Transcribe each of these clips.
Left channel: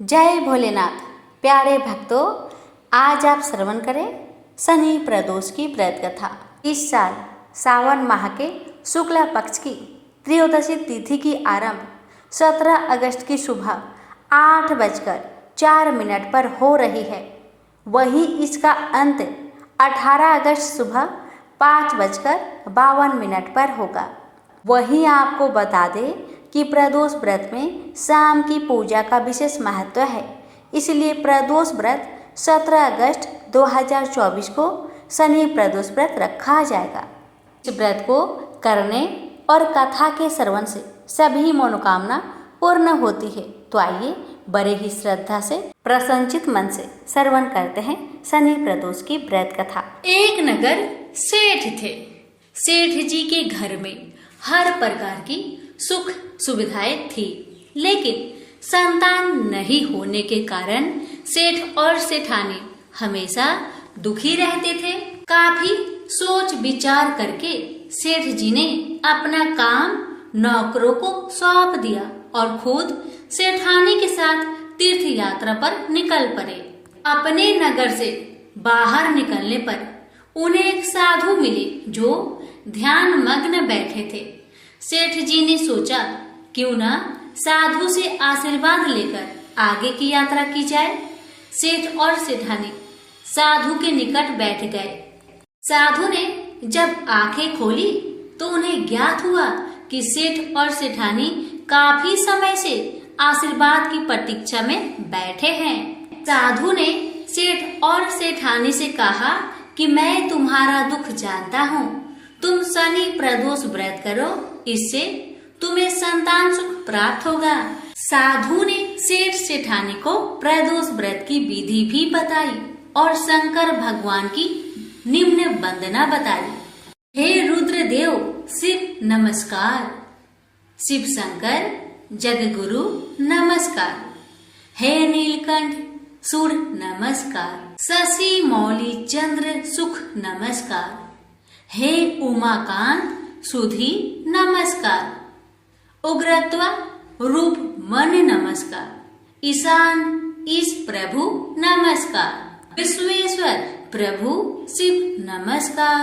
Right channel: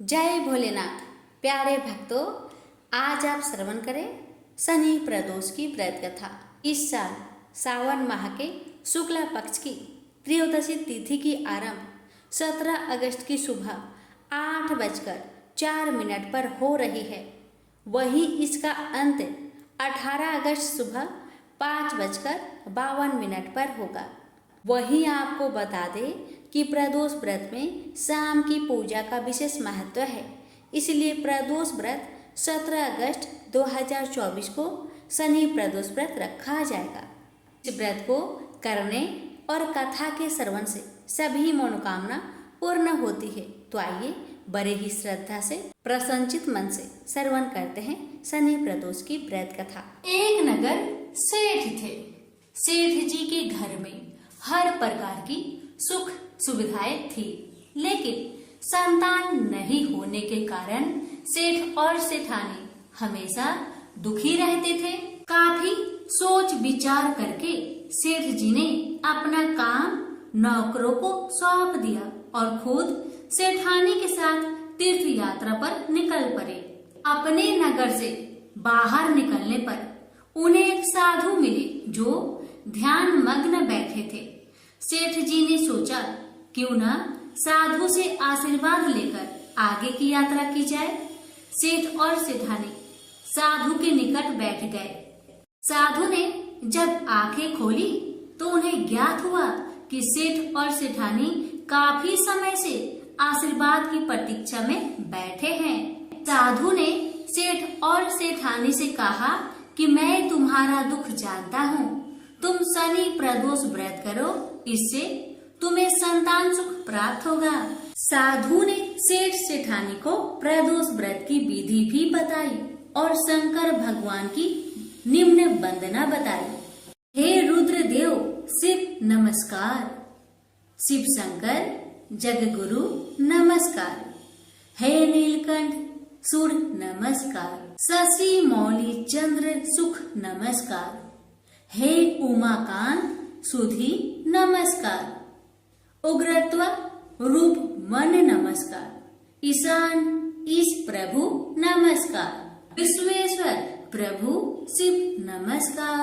जय भोलेनाथ। प्यारे भक्तों, आज आप श्रवण करें शनि प्रदोष की व्रत कथा। इस साल सावन माह के शुक्ला पक्ष की त्रयोदशी तिथि की आरंभ 17 अगस्त की सुबह 8:04 पर हो रही है। वहीं इसका अंत 18 अगस्त सुबह 5:52 पर होगा। वहीं आपको बता दें कि प्रदोष व्रत में शाम की पूजा का विशेष महत्व है, इसलिए प्रदोष व्रत 17 अगस्त 2024 को शनि प्रदोष व्रत रखा जाएगा। इस व्रत को करने और कथा के श्रवण से सभी मनोकामना पूर्ण होती है। तो आइए बड़े ही श्रद्धा से प्रसन्नचित मन से श्रवण करते हैं शनि प्रदोष की व्रत कथा। एक नगर सेठ थे। सेठ जी के घर में हर प्रकार की सुख सुविधाएं थी, लेकिन संतान नहीं होने के कारण सेठ और सेठानी हमेशा दुखी रहते थे। काफी सोच विचार करके सेठ जी ने अपना काम नौकरों को सौंप दिया और खुद सेठानी के साथ तीर्थ यात्रा पर निकल पड़े। अपने नगर से बाहर निकलने पर उन्हें एक साधु मिले जो ध्यान मग्न बैठे थे। सेठ जी ने सोचा क्यों ना साधु से आशीर्वाद लेकर आगे की यात्रा की जाए। सेठ और सेठानी साधु के निकट बैठ गए। साधु ने जब आंखें खोली तो उन्हें ज्ञात हुआ कि सेठ और सेठानी काफी समय से आशीर्वाद की प्रतीक्षा में बैठे हैं। साधु ने सेठ और सेठानी से कहा कि मैं तुम्हारा दुख जानता हूँ, तुम शनि प्रदोष व्रत करो, इससे तुम्हें संतान सुख प्राप्त होगा। साधु ने सेठ सेठानी को प्रदोष व्रत की विधि भी बताई और शंकर भगवान की निम्न वंदना बताई। हे रुद्रदेव शिव नमस्कार, शिव शंकर जगगुरु नमस्कार, हे नीलकंठ सूर्य नमस्कार, शशि मौली चंद्र सुख नमस्कार, हे उमाकांत सुधी नमस्कार, उग्रत्व रूप मन नमस्कार, ईशान ईश प्रभु नमस्कार, विश्वेश्वर प्रभु शिव नमस्कार।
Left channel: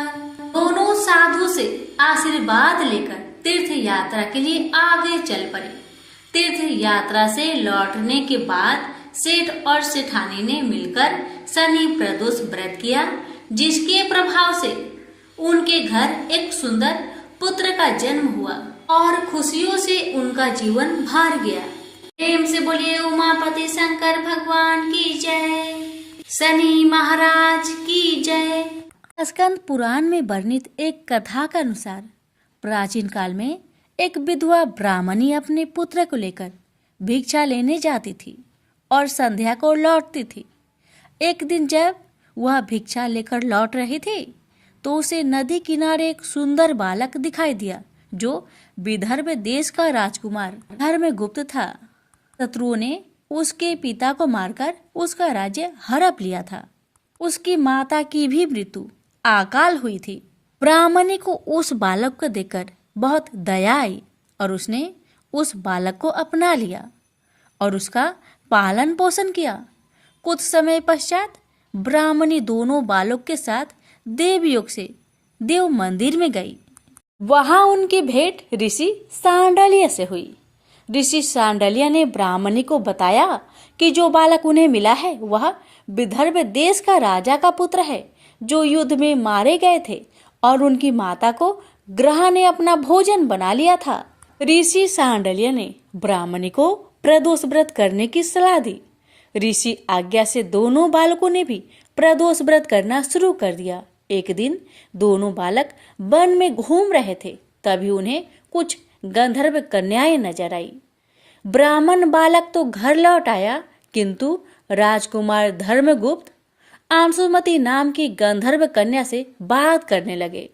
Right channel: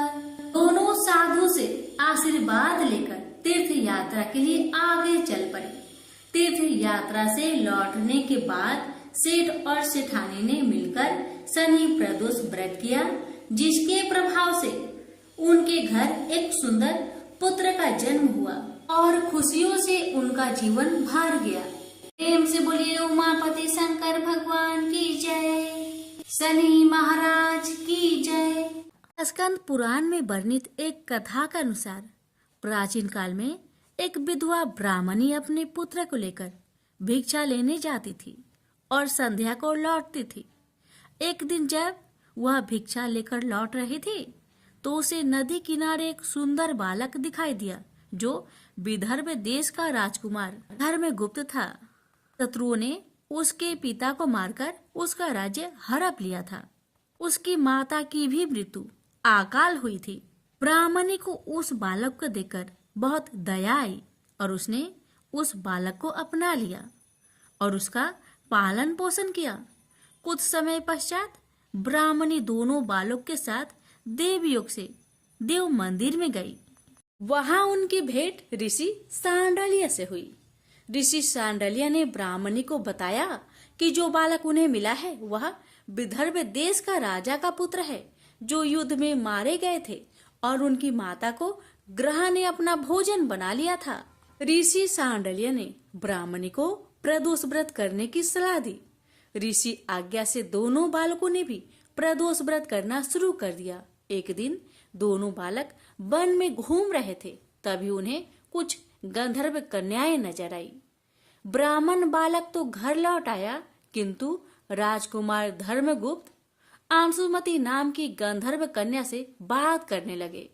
दोनों साधु से आशीर्वाद लेकर तीर्थ यात्रा के लिए आगे चल पड़े। तीर्थ यात्रा से लौटने के बाद सेठ और सेठानी ने मिलकर शनि प्रदोष व्रत किया, जिसके प्रभाव से उनके घर एक सुंदर पुत्र का जन्म हुआ और खुशियों से उनका जीवन भर गया। प्रेम से बोलिए उमापति शंकर भगवान की जय, शनि महाराज की जय। स्कंद पुराण में वर्णित एक कथा के अनुसार प्राचीन काल में एक विधवा ब्राह्मणी अपने पुत्र को लेकर भिक्षा लेने जाती थी और संध्या को लौटती थी। एक दिन जब वह भिक्षा लेकर लौट रही थी तो उसे नदी किनारे एक सुंदर बालक दिखाई दिया जो विदर्भ देश का राजकुमार धर्मगुप्त था। शत्रुओं ने उसके पिता को मारकर उसका राज्य हड़प लिया था। उसकी माता की भी मृत्यु अकाल हुई थी। ब्राह्मणी को उस बालक को देखकर बहुत दया आई और उसने उस बालक को अपना लिया और उसका पालन पोषण किया। कुछ समय पश्चात ब्राह्मणी दोनों बालक के साथ देवयोग से देव मंदिर में गई। वहां उनकी भेंट ऋषि सांडलिया से हुई। ऋषि सांडलिया ने ब्राह्मणी को बताया कि जो बालक उन्हें मिला है वह विदर्भ देश का राजा का पुत्र है जो युद्ध में मारे गए थे और उनकी माता को ग्रह ने अपना भोजन बना लिया था। ऋषि सांडलिया ने ब्राह्मणी को प्रदोष व्रत करने की सलाह दी। ऋषि आज्ञा से दोनों बालकों ने भी प्रदोष व्रत करना शुरू कर दिया। एक दिन दोनों बालक वन में घूम रहे थे, तभी उन्हें कुछ गंधर्व कन्याएं नजर आई। ब्राह्मण बालक तो घर लौट आया, किंतु राजकुमार धर्मगुप्त अंशुमति नाम की गंधर्व कन्या से बात करने लगे।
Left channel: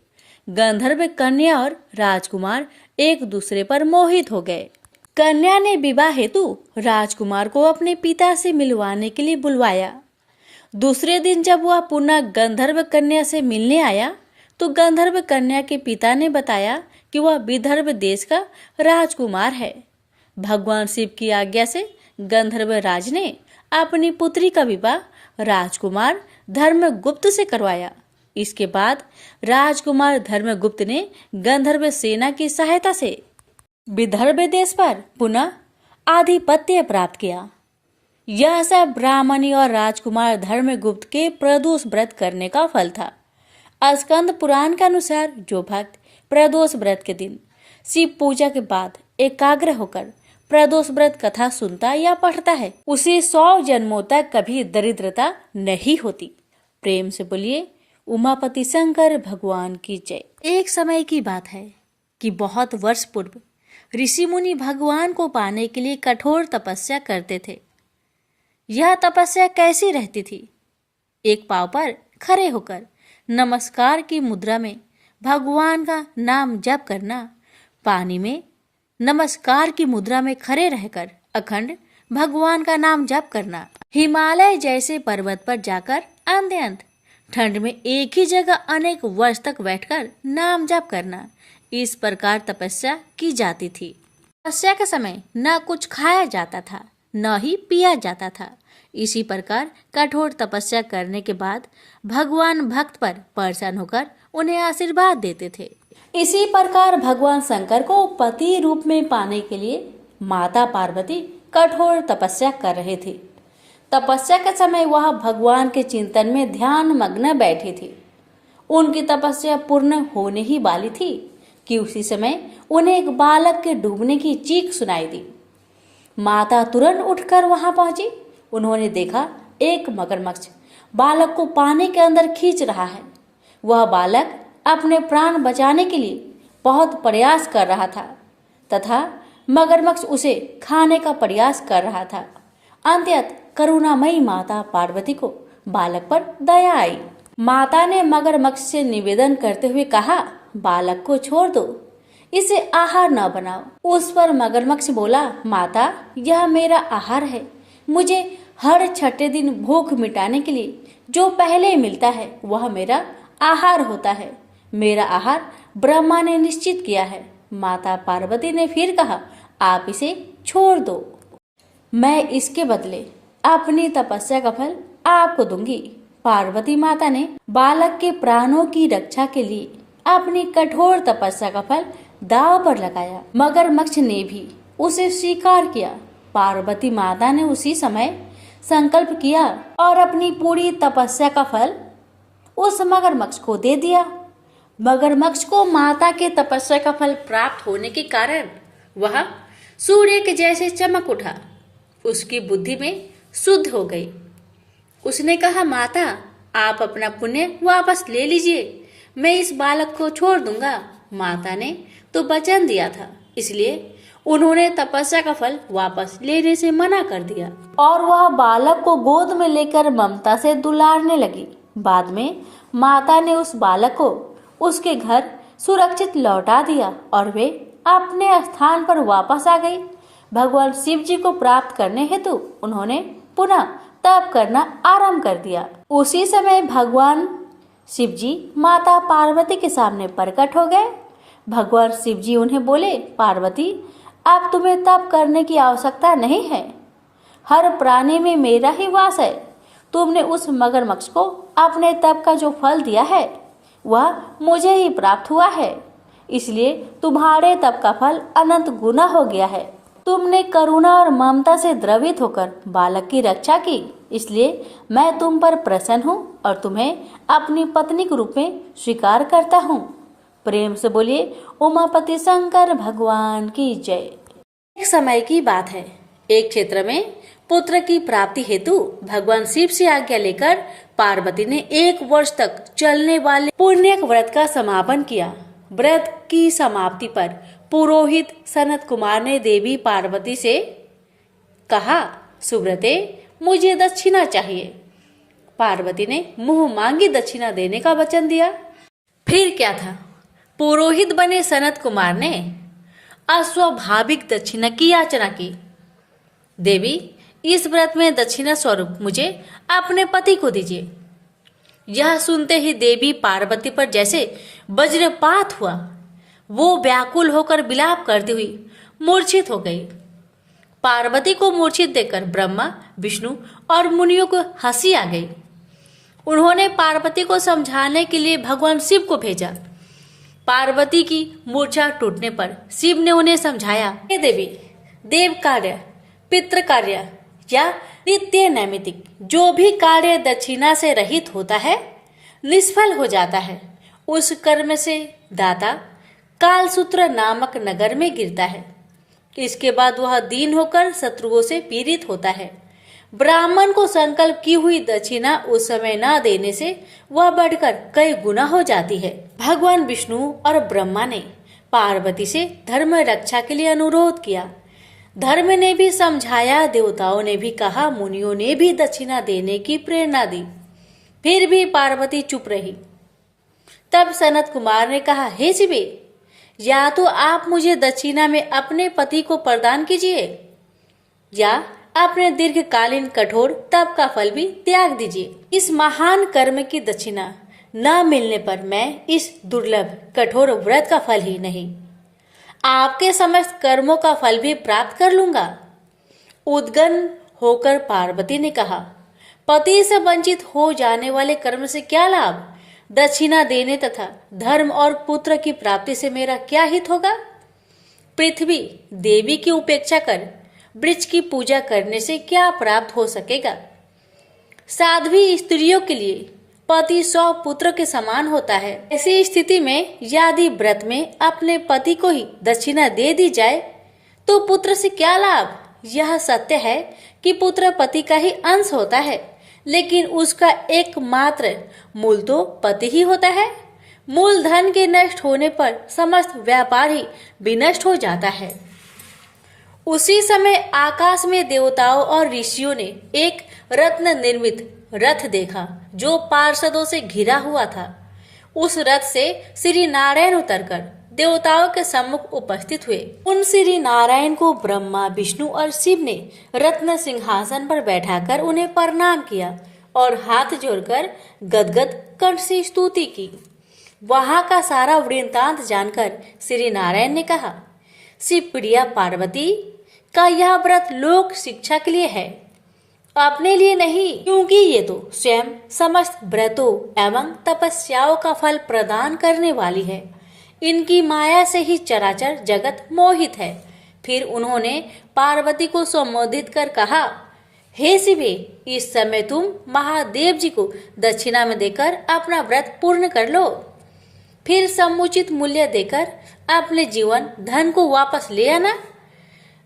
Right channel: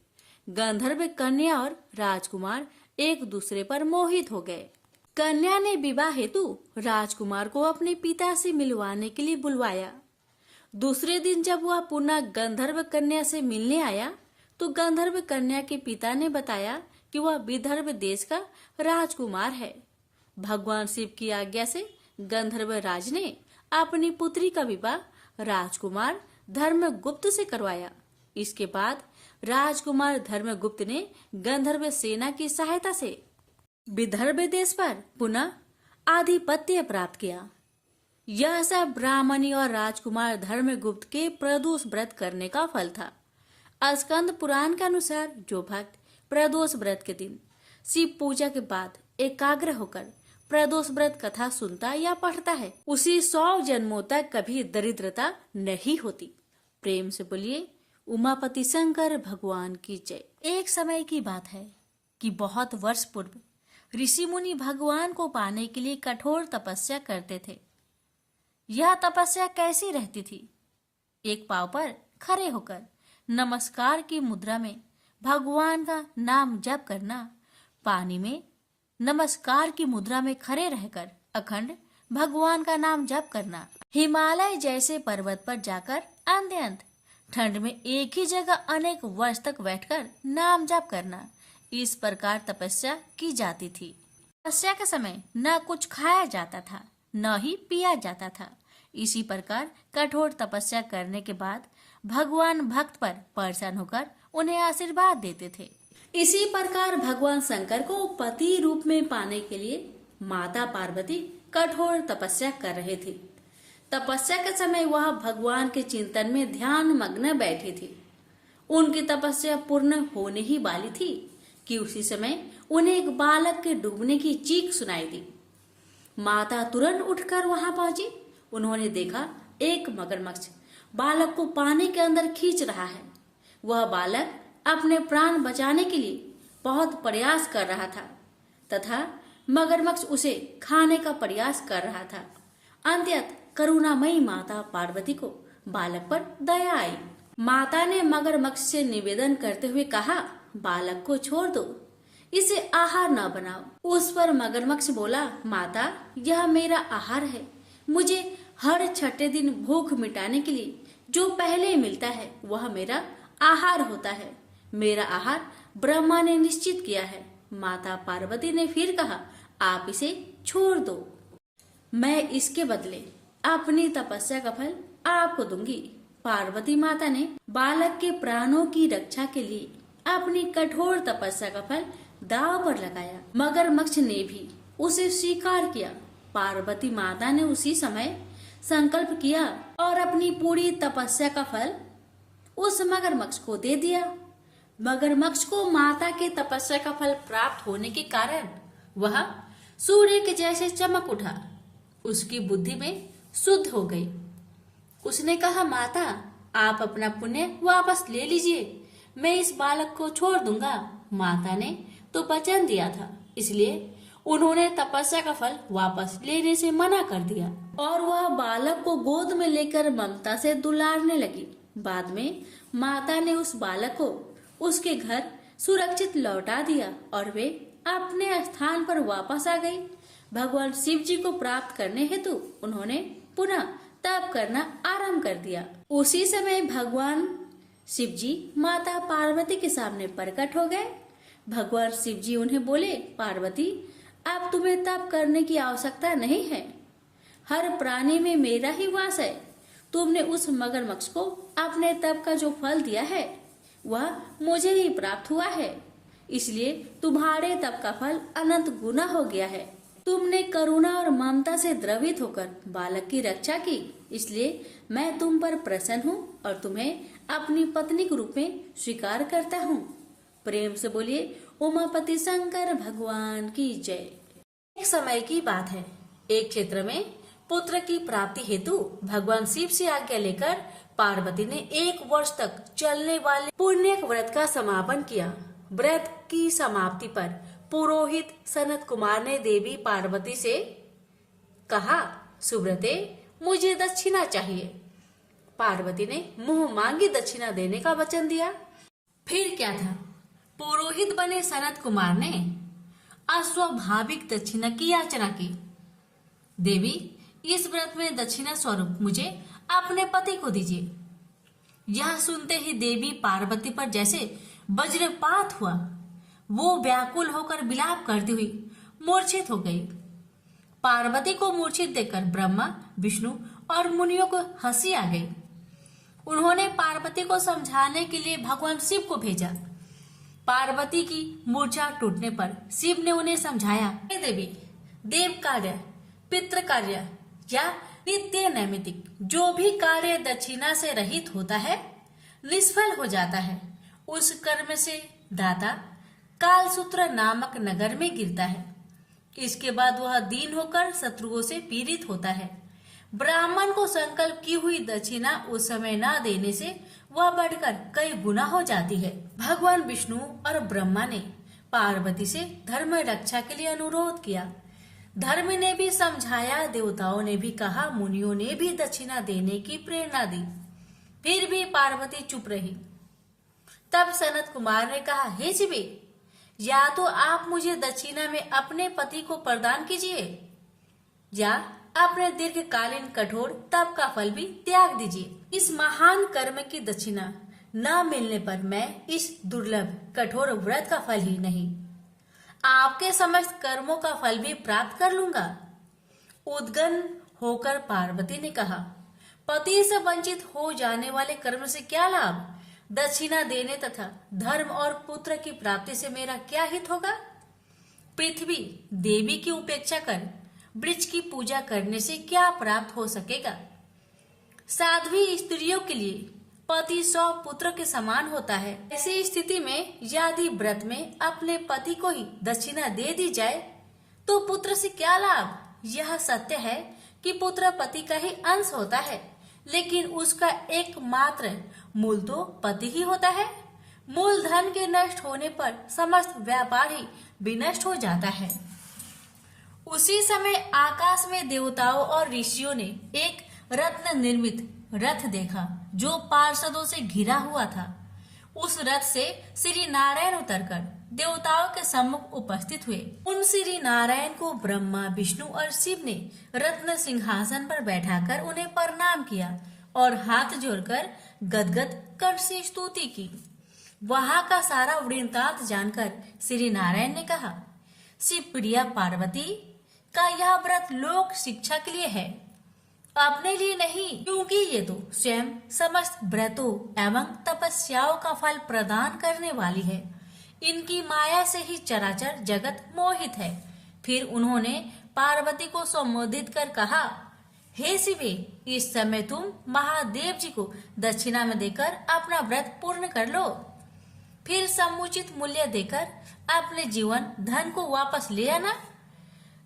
गंधर्व कन्या और राजकुमार एक दूसरे पर मोहित हो गए। कन्या ने विवाह हेतु राजकुमार को अपने पिता से मिलवाने के लिए बुलवाया। दूसरे दिन जब वह पुनः गंधर्व कन्या से मिलने आया तो गंधर्व कन्या के पिता ने बताया कि वह विदर्भ देश का राजकुमार है। भगवान शिव की आज्ञा से गंधर्व राज ने अपनी पुत्री का विवाह राजकुमार धर्मगुप्त से करवाया। इसके बाद राजकुमार धर्मगुप्त ने गंधर्व सेना की सहायता से विदर्भ देश पर पुनः आधिपत्य प्राप्त किया। यह सब ब्राह्मणी और राजकुमार धर्मगुप्त के प्रदोष व्रत करने का फल था। स्कंद पुराण के अनुसार जो भक्त प्रदोष व्रत के दिन शिव पूजा के बाद एकाग्र होकर प्रदोष व्रत कथा सुनता या पढ़ता है, उसे 100 जन्मों तक कभी दरिद्रता नहीं होती। प्रेम से बोलिए उमापति शंकर भगवान की जय। एक समय की बात है कि बहुत वर्ष पूर्व ऋषि मुनि भगवान को पाने के लिए कठोर तपस्या करते थे। यह तपस्या कैसी रहती थी? एक पांव पर खड़े होकर नमस्कार की मुद्रा में भगवान का नाम जप करना, पानी में नमस्कार की मुद्रा में खड़े रहकर अखंड भगवान का नाम जप करना, हिमालय जैसे पर्वत पर जाकर अंत ठंड में एक ही जगह अनेक वर्ष तक बैठकर नाम जप करना, इस प्रकार तपस्या की जाती थी। तपस्या के समय न कुछ खाया जाता था न ही पिया जाता था। इसी प्रकार कठोर तपस्या करने के बाद भगवान भक्त पर प्रसन्न होकर उन्हें आशीर्वाद देते थे। इसी प्रकार भगवान शंकर को पति रूप में पाने के लिए माता पार्वती कठोर तपस्या कर रही थी। तपस्या के समय वह भगवान के चिंतन में ध्यान मग्न बैठी थी। उनकी तपस्या पूर्ण होने ही वाली थी कि उसी समय उन्हें एक बालक के डूबने की चीख सुनाई दी। माता तुरंत उठकर वहां पहुंची। उन्होंने देखा एक मगरमच्छ बालक को पानी के अंदर खींच रहा है। वह बालक अपने प्राण बचाने के लिए बहुत प्रयास कर रहा था तथा मगरमच्छ उसे खाने का प्रयास कर रहा था। अंततः करुणामयी माता पार्वती को बालक पर दया आई। माता ने मगरमच्छ से निवेदन करते हुए कहा, बालक को छोड़ दो, इसे आहार न बनाओ। उस पर मगरमच्छ बोला, माता यह मेरा आहार है। मुझे हर छठे दिन भूख मिटाने के लिए जो पहले मिलता है वह मेरा आहार होता है। मेरा आहार ब्रह्मा ने निश्चित किया है। माता पार्वती ने फिर कहा, आप इसे छोड़ दो, मैं इसके बदले अपनी तपस्या का फल आपको दूंगी। पार्वती माता ने बालक के प्राणों की रक्षा के लिए अपनी कठोर तपस्या का फल दांव पर लगाया। मगरमच्छ ने भी उसे स्वीकार किया। पार्वती माता ने उसी समय संकल्प किया और अपनी पूरी तपस्या का फल उस मगरमच्छ को दे दिया। मगरमच्छ को माता के तपस्या का फल प्राप्त होने के कारण वह सूर्य के जैसे चमक उठा। उसकी बुद्धि में शुद्ध हो गई। उसने कहा, माता आप अपना पुण्य वापस ले लीजिए, मैं इस बालक को छोड़ दूंगा। माता ने तो वचन दिया था, इसलिए उन्होंने तपस्या का फल वापस लेने से मना कर दिया और वह बालक को गोद में लेकर ममता से दुलारने लगी। बाद में माता ने उस बालक को उसके घर सुरक्षित लौटा दिया और वे अपने स्थान पर वापस आ गई। भगवान शिव जी को प्राप्त करने हेतु उन्होंने पुनः तप करना आरंभ कर दिया। उसी समय भगवान शिव जी माता पार्वती के सामने प्रकट हो गए। भगवान शिव जी उन्हें बोले, पार्वती अब तुम्हें तप करने की आवश्यकता नहीं है। हर प्राणी में मेरा ही वास है। तुमने उस मगरमच्छ को अपने तप का जो फल दिया है वह मुझे ही प्राप्त हुआ है, इसलिए तुम्हारे तप का फल अनंत गुना हो गया है। तुमने करुणा और ममता से द्रवित होकर बालक की रक्षा की, इसलिए मैं तुम पर प्रसन्न हूँ और तुम्हें अपनी पत्नी के रूप में स्वीकार करता हूँ। प्रेम से बोलिए उमापति शंकर भगवान की जय। एक समय की बात है, एक क्षेत्र में पुत्र की प्राप्ति हेतु भगवान शिव से आज्ञा लेकर पार्वती ने 1 वर्ष तक चलने वाले पुण्य व्रत का समापन किया। व्रत की समाप्ति पर पुरोहित सनत कुमार ने देवी पार्वती से कहा, सुब्रते मुझे दक्षिणा चाहिए। पार्वती ने मुंह मांगी दक्षिणा देने का वचन दिया। फिर क्या था, पुरोहित बने सनत कुमार ने अस्वाभाविक दक्षिणा की याचना की। देवी इस व्रत में दक्षिणा स्वरूप मुझे अपने पति को दीजिए। यह सुनते ही देवी पार्वती पर जैसे वज्रपात हुआ। वो व्याकुल होकर विलाप करती हुई मूर्छित हो गई। पार्वती को मूर्छित देखकर ब्रह्मा, विष्णु और मुनियों को हंसी आ गई। उन्होंने पार्वती को समझाने के लिए भगवान शिव को भेजा। पार्वती की मूर्छा टूटने पर शिव ने उन्हें समझाया, हे देवी, देव कार्य, पितृ कार्य या नित्य नैमित्तिक जो भी कार्य दक्षिणा से रहित होता है निष्फल हो जाता है। उस कर्म से दाता कालसूत्र नामक नगर में गिरता है। इसके बाद वह दीन होकर शत्रुओं से पीड़ित होता है। ब्राह्मण को संकल्प की हुई दक्षिणा उस समय न देने से वह बढ़कर कई गुना हो जाती है। भगवान विष्णु और ब्रह्मा ने पार्वती से धर्म रक्षा के लिए अनुरोध किया। धर्म ने भी समझाया, देवताओं ने भी कहा, मुनियों ने भी दक्षिणा देने की प्रेरणा दी, फिर भी पार्वती चुप रही। तब सनत कुमार ने कहा, हे शिवे, या तो आप मुझे दक्षिणा में अपने पति को प्रदान कीजिए या अपने दीर्घकालीन कठोर तप का फल भी त्याग दीजिए। इस महान कर्म की दक्षिणा न मिलने पर मैं इस दुर्लभ कठोर व्रत का फल ही नहीं, आपके समस्त कर्मों का फल भी प्राप्त कर लूंगा। उद्गन होकर पार्वती ने कहा, पति से वंचित हो जाने वाले कर्म से क्या लाभ? दक्षिणा देने तथा धर्म और पुत्र की प्राप्ति से मेरा क्या हित होगा? पृथ्वी देवी की उपेक्षा कर वृक्ष की पूजा करने से क्या प्राप्त हो सकेगा? साध्वी स्त्रियों के लिए पति 100 पुत्र के समान होता है। ऐसी स्थिति में यदि व्रत में अपने पति को ही दक्षिणा दे दी जाए तो पुत्र से क्या लाभ? यह सत्य है कि पुत्र पति का ही अंश होता है, लेकिन उसका एकमात्र मूल तो पति ही होता है। मूल धन के नष्ट होने पर समस्त व्यापार ही विनष्ट हो जाता है। उसी समय आकाश में देवताओं और ऋषियों ने एक रत्न निर्मित रथ देखा जो पार्षदों से घिरा हुआ था। उस रथ से श्री नारायण उतरकर देवताओं के सम्मुख उपस्थित हुए। उन श्री नारायण को ब्रह्मा, विष्णु और शिव ने रत्न सिंहासन पर बैठाकर उन्हें प्रणाम किया और हाथ जोड़कर गदगद कंठ से स्तुति की। वहां का सारा वृत्तांत जानकर श्री नारायण ने कहा, शिव प्रिया पार्वती का यह व्रत लोक शिक्षा के लिए है, अपने लिए नहीं, क्योंकि ये तो स्वयं समस्त व्रतों एवं तपस्याओं का फल प्रदान करने वाली है। इनकी माया से ही चराचर जगत मोहित है। फिर उन्होंने पार्वती को संबोधित कर कहा, हे शिवे, इस समय तुम महादेव जी को दक्षिणा में देकर अपना व्रत पूर्ण कर लो। फिर समुचित मूल्य देकर अपने जीवन धन को वापस ले आना।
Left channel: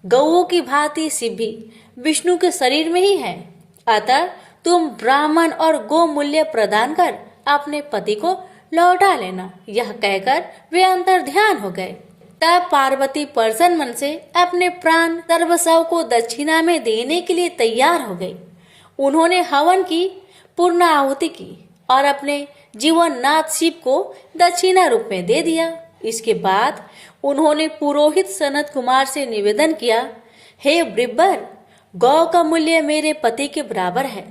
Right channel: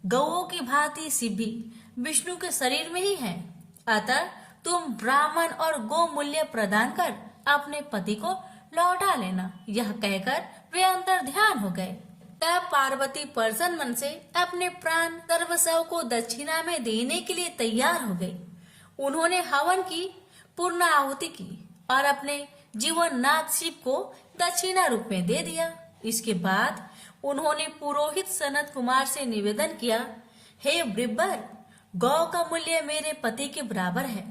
गौओं की भांति शिव भी विष्णु के शरीर में ही है, अतः तुम ब्राह्मण और गो मूल्य प्रदान कर अपने पति को लौटा लेना। यह कहकर वे अंतर ध्यान हो गए। तब पार्वती प्रसन्न मन से अपने प्राण सर्वस्व को दक्षिणा में देने के लिए तैयार हो गई। उन्होंने हवन की पूर्ण आहुति की और अपने जीवन नाथ शिव को दक्षिणा रूप में दे दिया। इसके बाद उन्होंने पुरोहित सनत कुमार से निवेदन किया, हे ब्रिब्बर, गौ का मूल्य मेरे पति के बराबर है।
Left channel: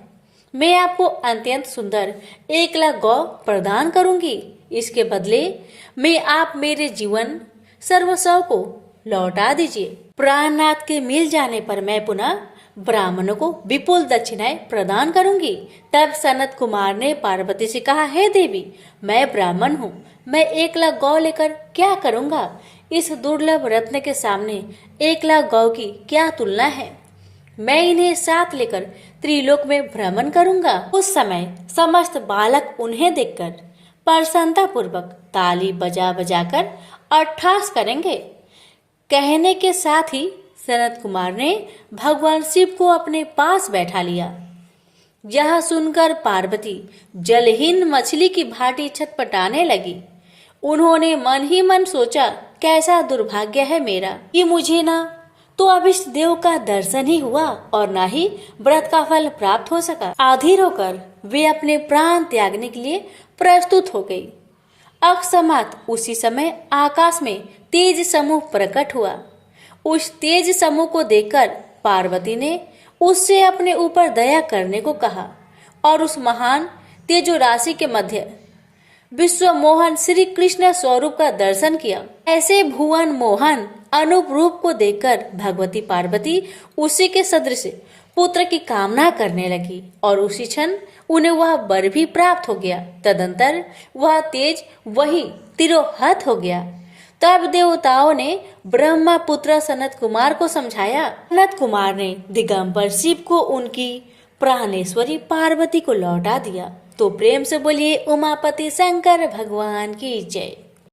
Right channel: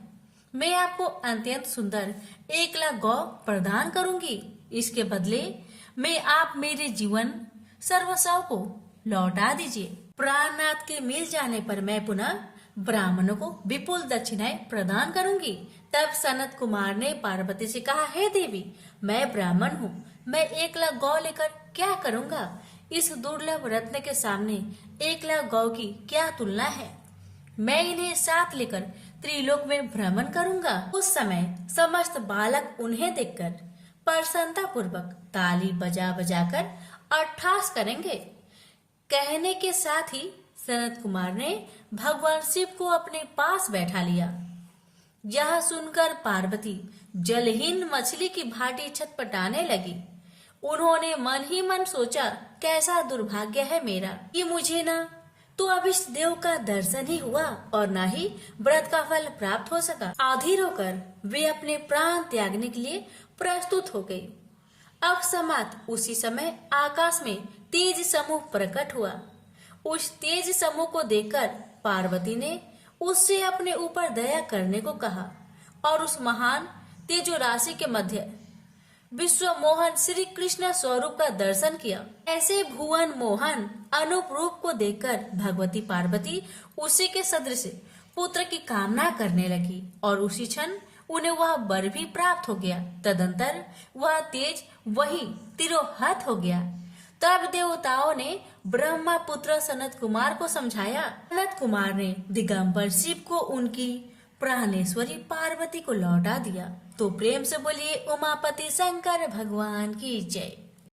मैं आपको अत्यंत सुंदर 1 लाख गौ प्रदान करूंगी। इसके बदले में आप मेरे जीवन सर्वस्व को लौटा दीजिए। प्राणनाथ के मिल जाने पर मैं पुनः ब्राह्मणों को विपुल दक्षिणाएं प्रदान करूंगी। तब सनत कुमार ने पार्वती से कहा, हे देवी, मैं ब्राह्मण हूँ, मैं 1 लाख गौ लेकर क्या करूंगा? इस दुर्लभ रत्न के सामने 1 लाख गौ की क्या तुलना है? मैं इन्हें साथ लेकर त्रिलोक में भ्रमण करूंगा। उस समय समस्त बालक उन्हें देखकर प्रसन्नता पूर्वक ताली बजा बजाकर अट्ठास करेंगे। कहने के साथ ही सनत कुमार ने भगवान शिव को अपने पास बैठा लिया। यह सुनकर पार्वती जलहीन मछली की भांति छटपटाने लगी। उन्होंने मन ही मन सोचा, कैसा दुर्भाग्य है मेरा कि मुझे ना तो अभिष्ट देव का दर्शन ही हुआ और ना ही व्रत का फल प्राप्त हो सका। आधीर होकर वे अपने प्राण त्यागने के लिए प्रस्तुत हो गई। अकस्मात उसी समय आकाश में तेज समूह प्रकट हुआ। उस तेज समूह को देखकर पार्वती ने उससे अपने ऊपर दया करने को कहा और उस महान तेजो राशि के मध्य विश्व मोहन श्री कृष्ण स्वरूप का दर्शन किया। ऐसे भुवन मोहन अनूप रूप को देखकर भगवती पार्वती उसी के सदृश पुत्र की कामना करने लगी और उसी क्षण उन्हें वह वर भी प्राप्त हो गया। तदंतर वह तेज वही तिरोहत हो गया। तब देवताओं ने ब्रह्मा पुत्र सनत कुमार को समझाया। सनत कुमार ने दिगंबर शिव को उनकी प्राणेश्वरी पार्वती को लौटा दिया। तो प्रेम से बोलिए उमापति शंकर भगवान की जय।